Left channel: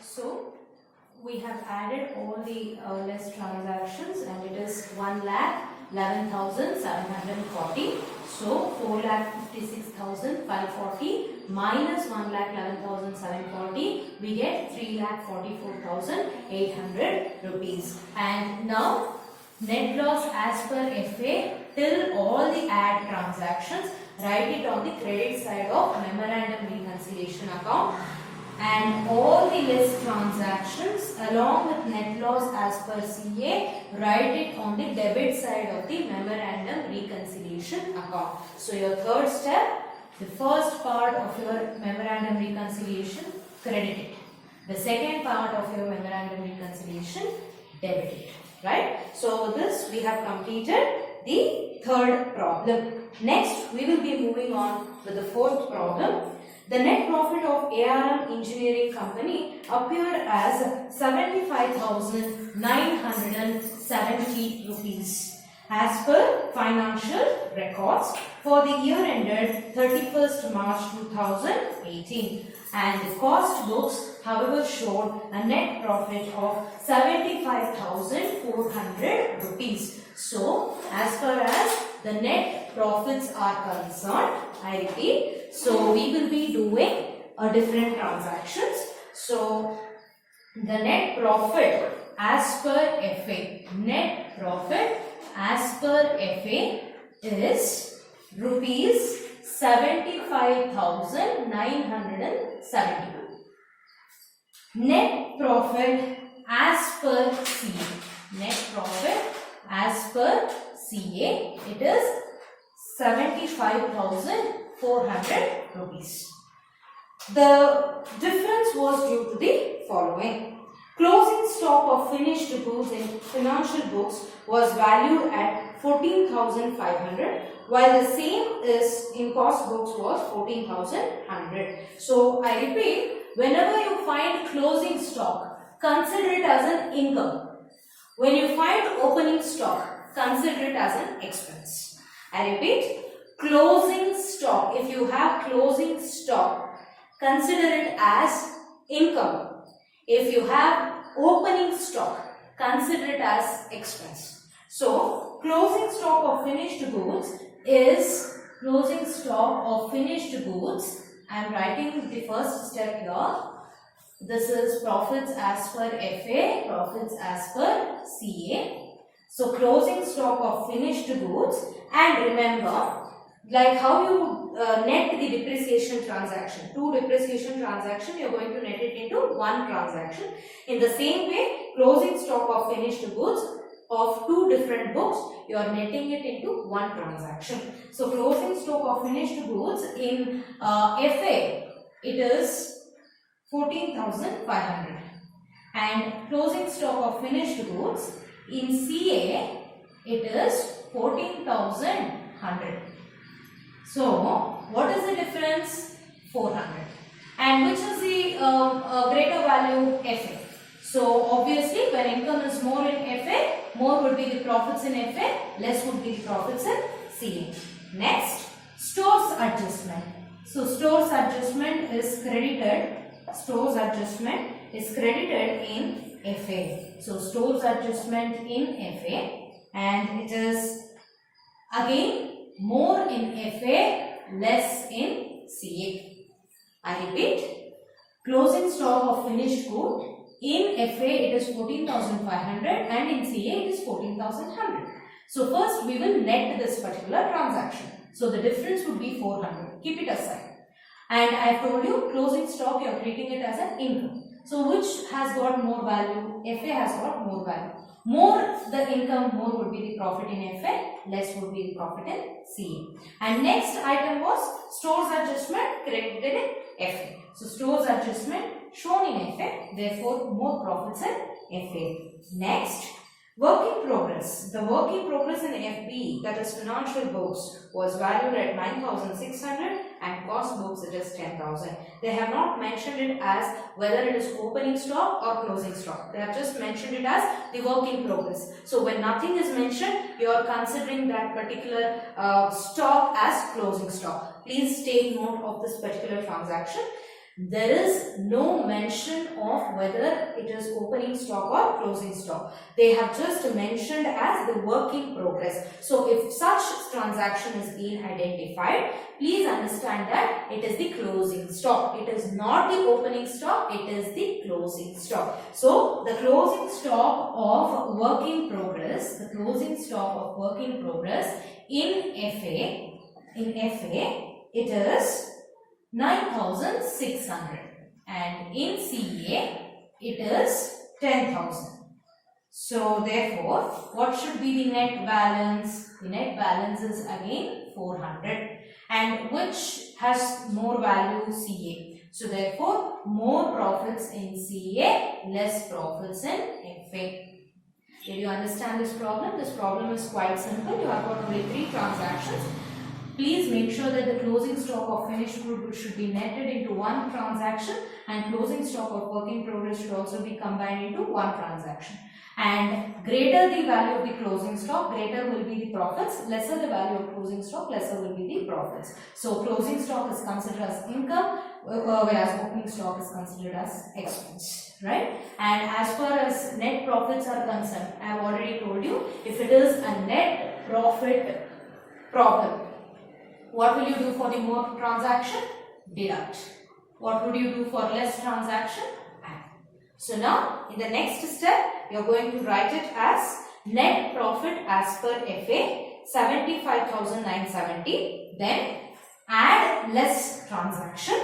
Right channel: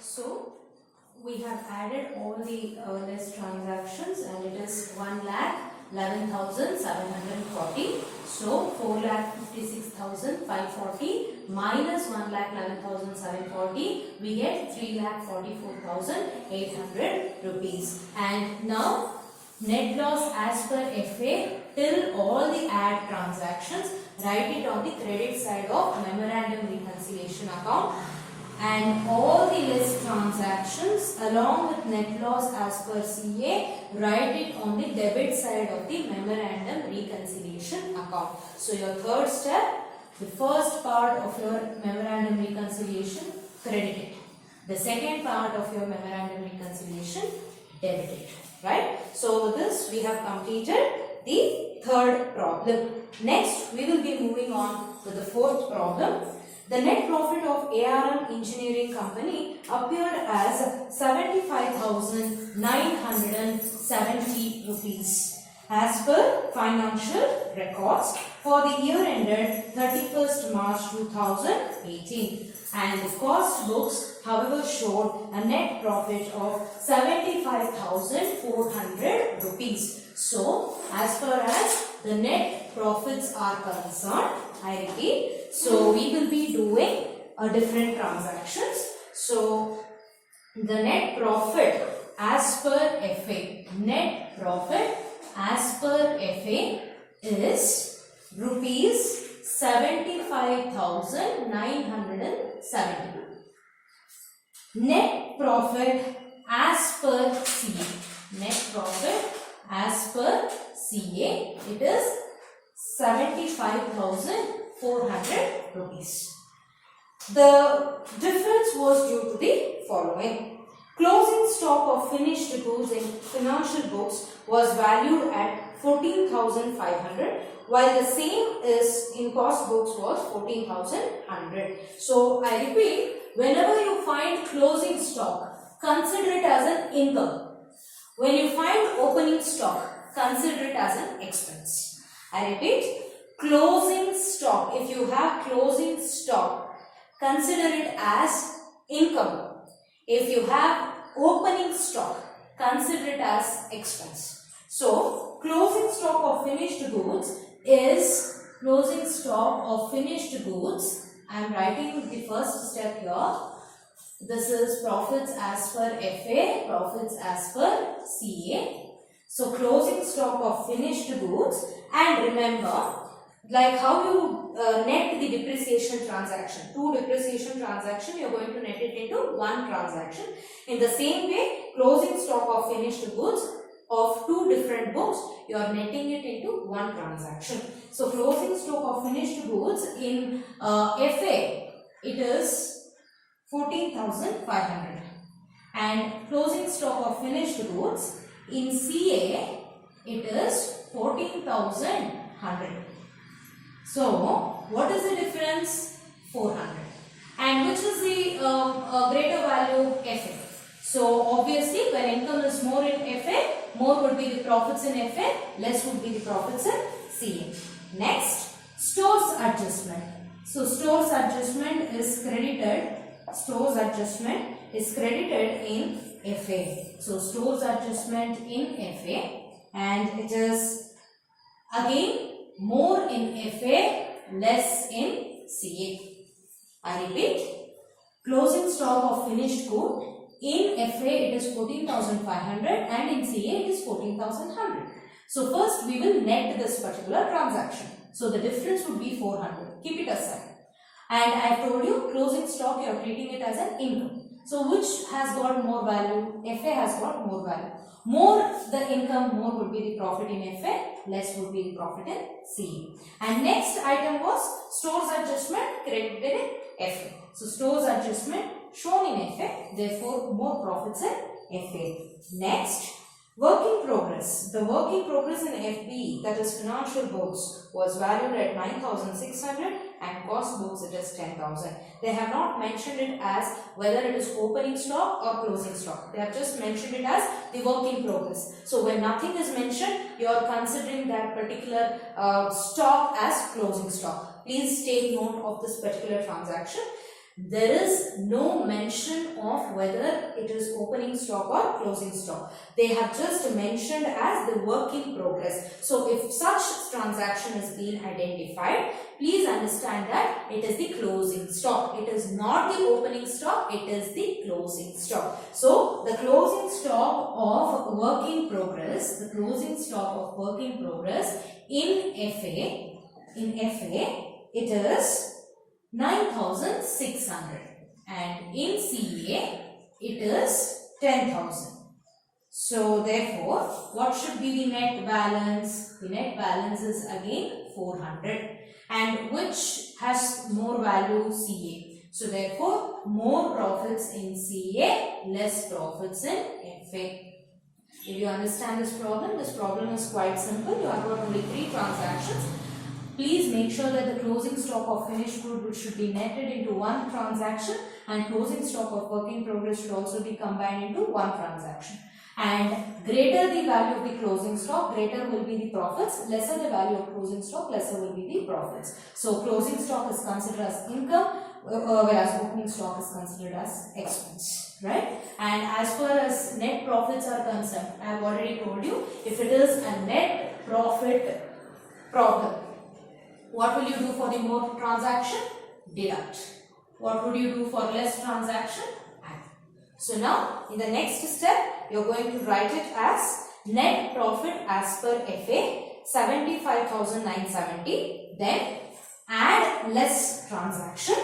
So we have added all the list transactions and it is 1,11,740. So 4,56,540 minus 1,11,740, we get 3,44,800 rupees. And now net loss as per FA till all the add transactions, write it on the credit side of memorandum reconciliation account, and all the list transactions along with net loss as per CA, write it on the debit side of the memorandum reconciliation account. So your third step, the first part of your memorandum reconciliation, credit it. The second part of your memorandum reconciliation, debit it. Right? So with this we have completed the third problem. Next we will be moving on with the fourth problem. The net profit of ARM Engineering Company appeared as 75,970 rupees as per financial records for the year ended 31st March 2018, and the cost books however showed a net profit of 75,400 rupees. So as far as the net profits are concerned, I repeat, so we will be doing a different transactions. So the net profit as per FA, net profit as per FA is rupees 75,970. Net profit as per CA, net profit as per CA, it is 75,400 rupees. The difference was due to the following. Closing stock of finished goods in financial books was valued at 14,500, while the same is in cost books was 14,100. So I repeat, whenever you find closing stock, consider it as an income. When you find opening stock, consider it as an expense. I repeat, closing stock, if you have closing stock, consider it as income. If you have opening stock, consider it as expense. So, closing stock of finished goods is closing stock of finished goods. I am writing the first step here. This is profits as per FA, profits as per CA. So, closing stock of finished goods, and remember, like how you net the depreciation transaction, two depreciation transaction, you are going to net it into one transaction. In the same way, closing stock of finished goods of two different books, you are netting it into one transaction. So, closing stock of finished goods in FA, it is 14,500, and closing stock of finished goods in CA, it is 14,100. So, what is the difference? 400. And which is the greater value? FA. So, obviously, when income is more in FA, more would be the profits in FA, less would be the profits in CA. Next, stores adjustment. So, stores adjustment is credited. Stores adjustment is credited in FA. So, stores adjustment in FA, and it is again more in FA, less in CA. I repeat, closing stock of finished good in FA it is 14,500 and in CA it is 14,100. So first we will net this particular transaction. So the difference would be 400. Keep it aside. And I have told you closing stock you are treating it as an income. So which has got more value? FA has got more value. More the income, more would be the profit in FA, less would be the profit in CA. And next item was stores adjustment credited in FA. So stores adjustment shown in FA, therefore more profits in FA. Next, work in progress. The work in progress in FB, that is financial books, was valued at 9,600 and cost books it is 10,000. They have not mentioned it as whether it is opening stock or closing stock. They have just mentioned it as the work in progress. So when nothing is mentioned, you are considering that particular stock as closing stock. Please take note of this particular transaction. There is no mention of whether it is opening stock or closing stock. They have just mentioned as the work in progress. So if such transaction is being identified, please understand that it is the closing stock. It is not the opening stock, it is the closing stock. So the closing stock of work in progress, the closing stock of work in progress in FA, it is 9,600, and in CA it is 10,000. So therefore, what should be the net balance? The net balance is again 400, and which has more value? CA. So therefore, more profits in CA, less profits in FA. Did you understand this problem? This problem is quite simple. You have got only 3 transactions. Please make sure that the closing stock of finished good should be netted into one transaction, and closing stock of work in progress should also be combined into one transaction. And greater the value of the closing stock, greater will be the profits. Lesser the value of closing stock, lesser will be the profits. So closing stock is considered as income, whereas opening stock is considered as expense, right? And as far as net profits are concerned, I have already told you, if it is a net profit problem, what will you do for the more transaction? Deduct. What would you do for less transaction? Add. So now, in the next step, you are going to write it as net profit as per FA, 75,970. Then add less transaction.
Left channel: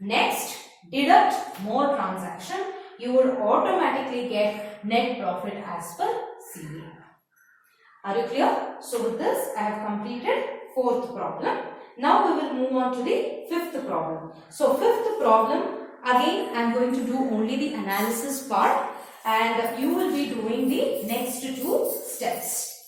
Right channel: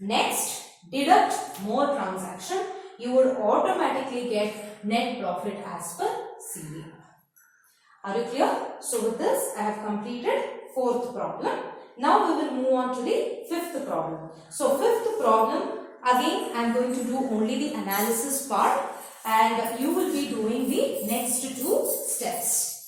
Next, deduct more transaction. You would automatically get net profit as per CA. Are you clear? So with this, I have completed 4th problem. Now we will move on to the 5th problem. So 5th problem, again I am going to do only the analysis part, and you will be doing the next 2 steps.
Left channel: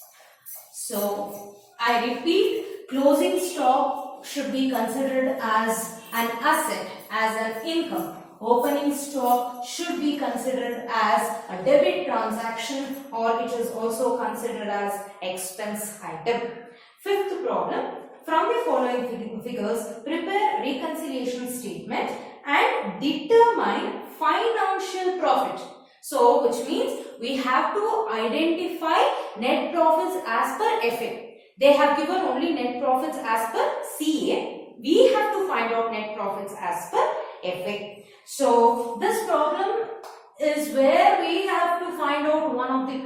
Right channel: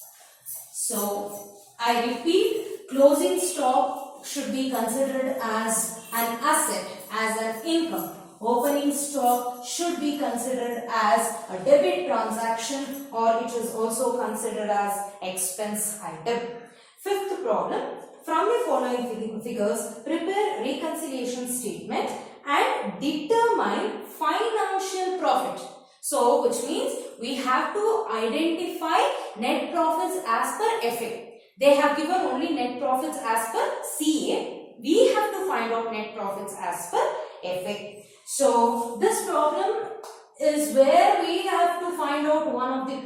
So I repeat, closing stock should be considered as an asset, as an income. Opening stock should be considered as a debit transaction, or it is also considered as expense item. 5th problem, from the following figures, prepare reconciliation statement and determine financial profit. So, which means we have to identify net profits as per FA. They have given only net profits as per CA. We have to find out net profits as per FA. So, this problem is where we have to find out one of the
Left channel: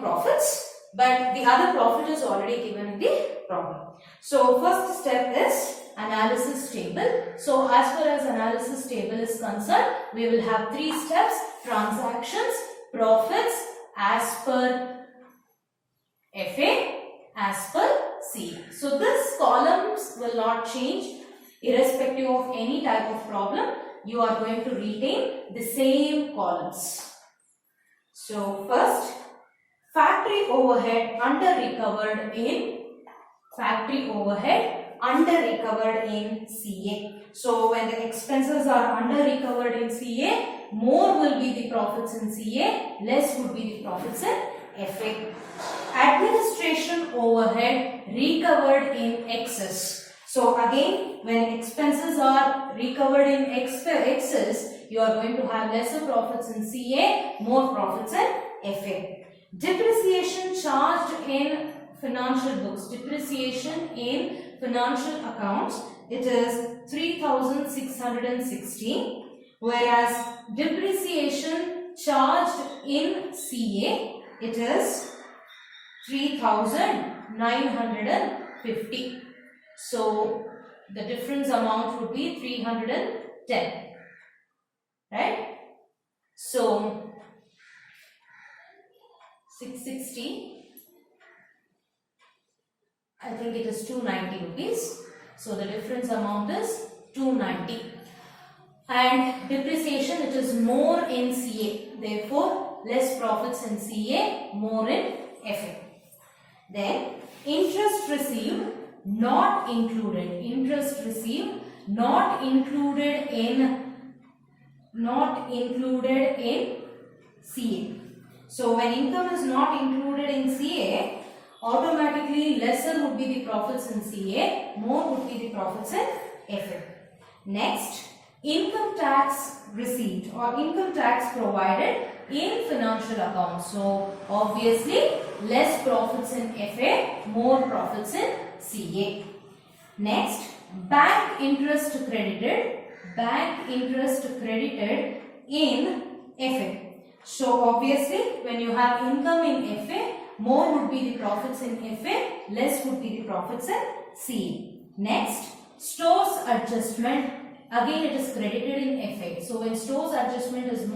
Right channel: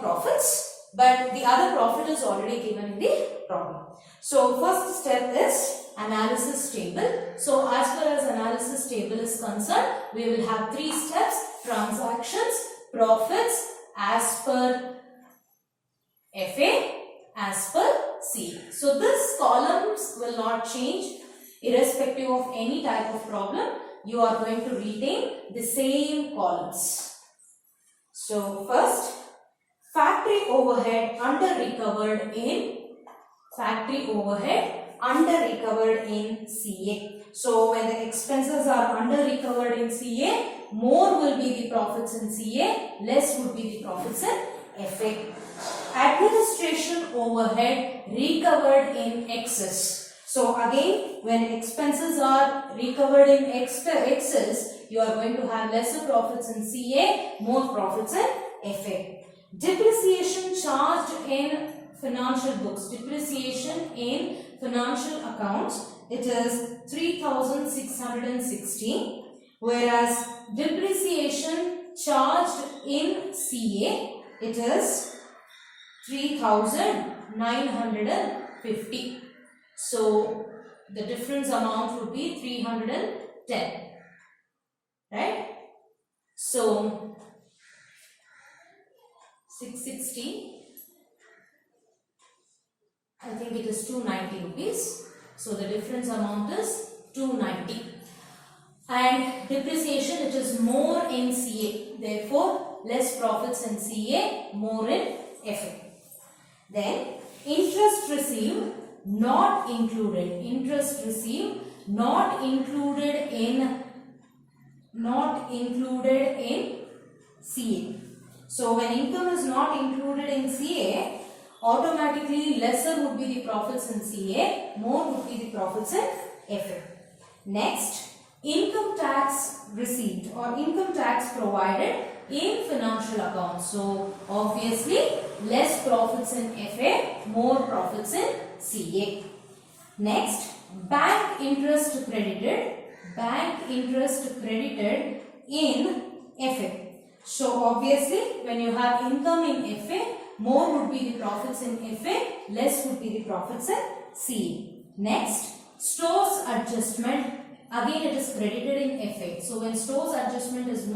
profits, but the other profit is already given in the problem. So, first step is analysis table. So, as far as analysis table is concerned, we will have 3 steps: transactions, profits as per FA, as per C. So, this columns will not change irrespective of any type of problem. You are going to retain the same columns. So, first, factory overhead under recovered in CA. So when the expenses are under recovered in CA, more will be the profits in CA, less would be the profits in FA. Administration overhead recovered in excess. So again, when expenses are recovered in excess, you are going to have lesser profits in CA, more profits in FA. Depreciation charged in financial books, depreciation in financial accounts, it is 3,660, whereas depreciation charged in CA, it is 3,950. So the difference amount would be 310, right? So 660, I think it is 290 rupees. So the difference amount is 290. And depreciation, it is more in CA. Therefore, less profits in CA, more in FA. Then, interest received not included. Interest received not included in CA. So when income is not included in CA, automatically lesser would be the profits in CA, more would be the profits in FA. Next, income tax received or income tax provided in financial accounts. So obviously less profits in FA, more profits in CA. Next, bank interest credited in FA. So obviously when you have income in FA, more would be the profits in FA, less would be the profits in CA. Next, stores adjustment, again it is credited in FA. So when stores adjustment is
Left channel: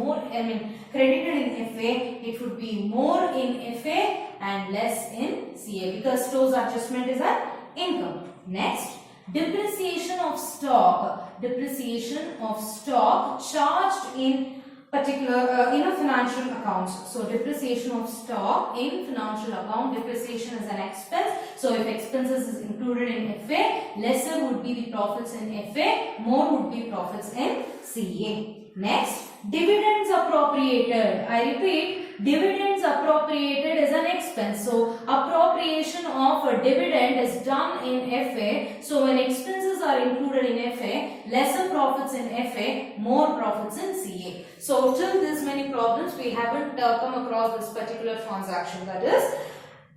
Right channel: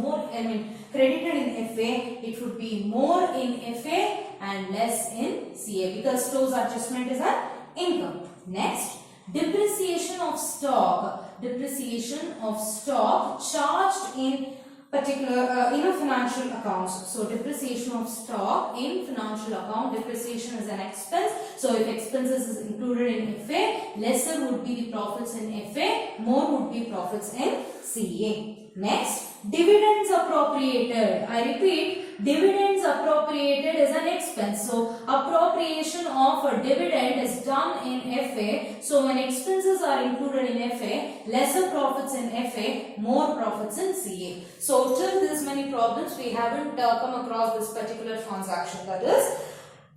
credited in FA, it would be more in FA and less in CA because stores adjustment is an income. Next, depreciation of stock charged in particular in a financial accounts. So depreciation of stock in financial account, depreciation is an expense. So if expenses is included in FA, lesser would be the profits in FA, more would be profits in CA. Next, dividends appropriated. I repeat, dividends appropriated is an expense. So appropriation of a dividend is done in FA. So when expenses are included in FA, lesser profits in FA, more profits in CA. So till this many problems we haven't come across this particular transaction, that is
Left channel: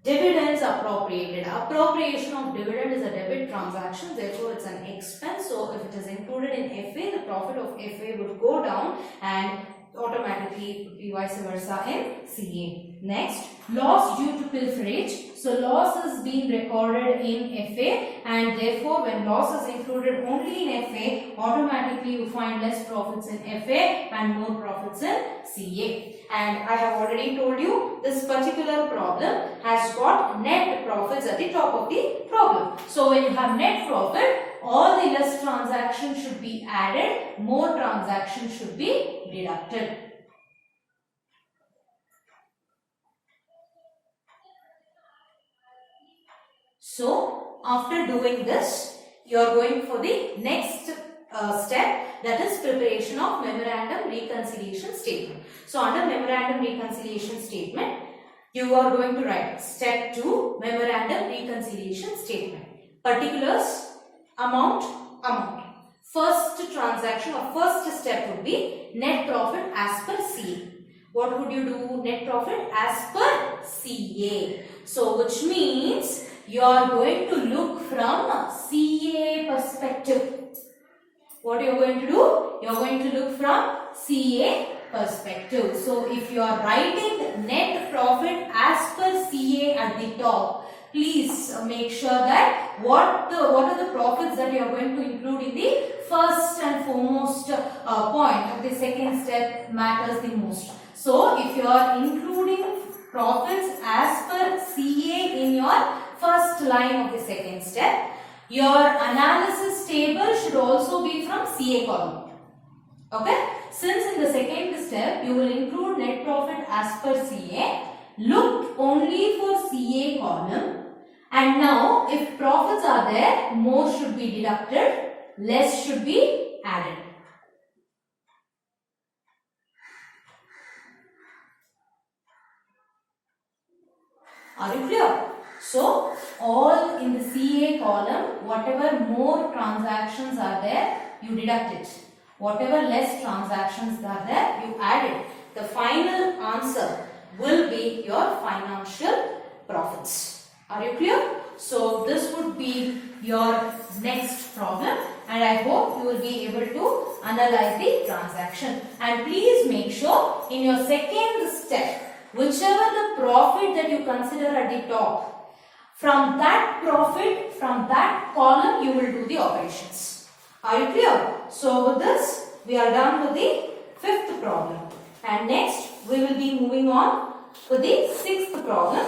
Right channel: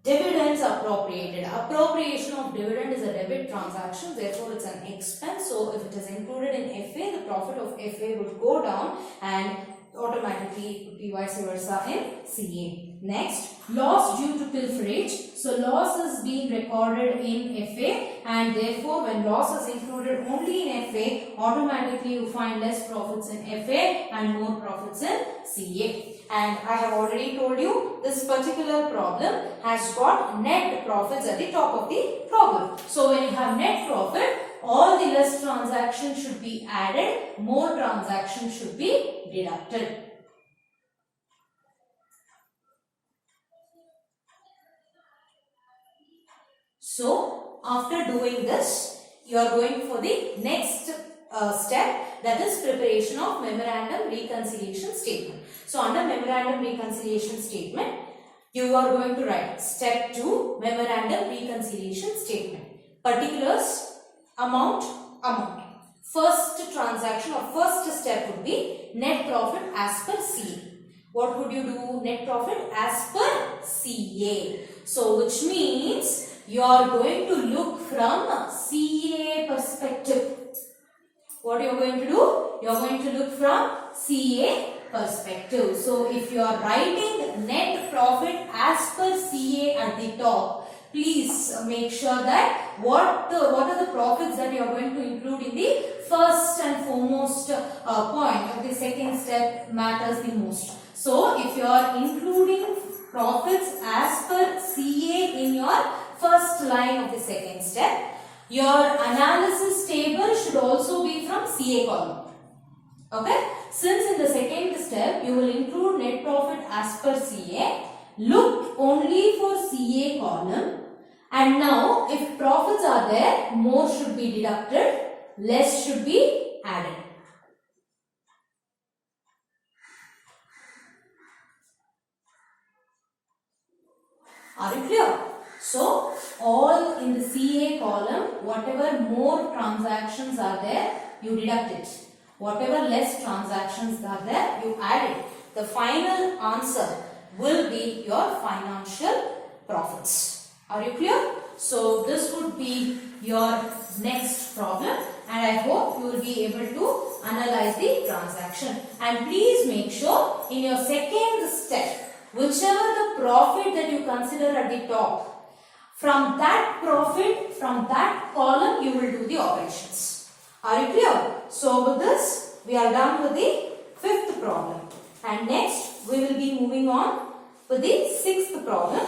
dividends appropriated. Appropriation of dividend is a debit transaction, therefore it's an expense. So if it is included in FA, the profit of FA would go down and automatically it would be vice versa in CA. Next, loss due to pilferage. So loss is being recorded in FA and therefore when loss is included only in FA, automatically you find less profits in FA and more profits in CA. And I have already told you this particular problem has got net profits at the top of the problem. So when you have net profit, all the less transactions should be added, more transactions should be deducted. So after doing this, you are going for the next step, that is preparation of memorandum reconciliation statement. So under memorandum reconciliation statement, you are going to write step 2 memorandum reconciliation statement. Particulars, amount. First transaction or first step would be net profit as per CA. What would you do? Net profit as per CA. So which means you are going to look from CA perspective. What you are going to do? You are going to look from CA perspective. So if you are writing net profit as per CA at the top, please make sure that what are the profits that you are going to include in the first and foremost point of the second step matters the most. So if you are including profits as per CA in your first line of the second step, your analysis table should also be from CA column. Okay? Since in the second step you will include net profit as per CA, look only for CA column. And now if profits are there, more should be deducted, less should be added. Are you clear? So all in the CA column, whatever more transactions are there, you deduct it. Whatever less transactions are there, you add it. The final answer will be your financial profits. Are you clear? So this would be your next problem and I hope you will be able to analyze the transaction. And please make sure in your second step, whichever the profit that you consider at the top, from that profit, from that column you will do the operations. Are you clear? So with this, we are done with the fifth problem. And next, we will be moving on to the sixth problem.